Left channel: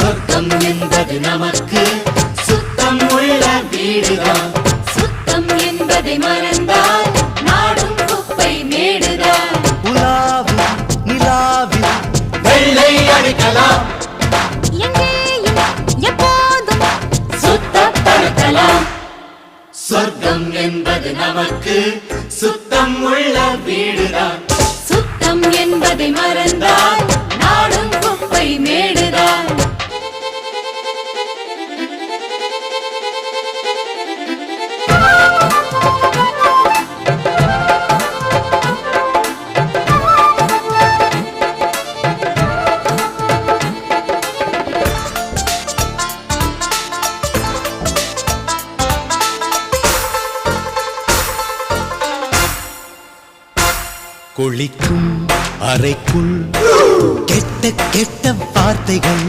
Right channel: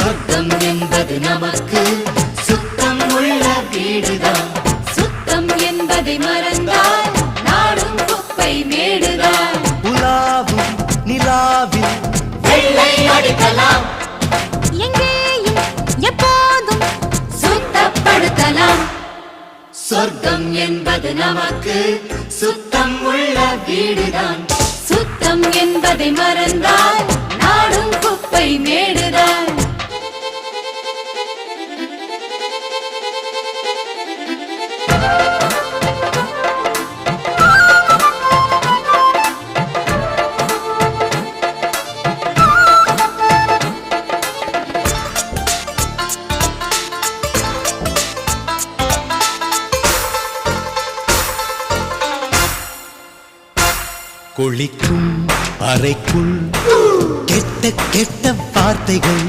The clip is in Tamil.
சொர்க்கம் என்பது நமக்கு சுத்தம் உள்ள வீடுதான். சுத்தம் என்பதை மறந்தால் நாடும் குப்பை மேடுதான். உலாவும் நிலாவில் வெள்ளை அடிக்கலாம். எங்கேயும் எப்போதும் சுத்தப்படுத்தலாம். சொர்க்கம் என்பது நமக்கு சுத்தம் உள்ள வீடுதான். சுத்தம் என்பதை மறந்தால் நாடும் குப்பை மேடுதான். குளிக்கும் அறைக்குள் கெட்ட கெட்ட வார்த்தைகள்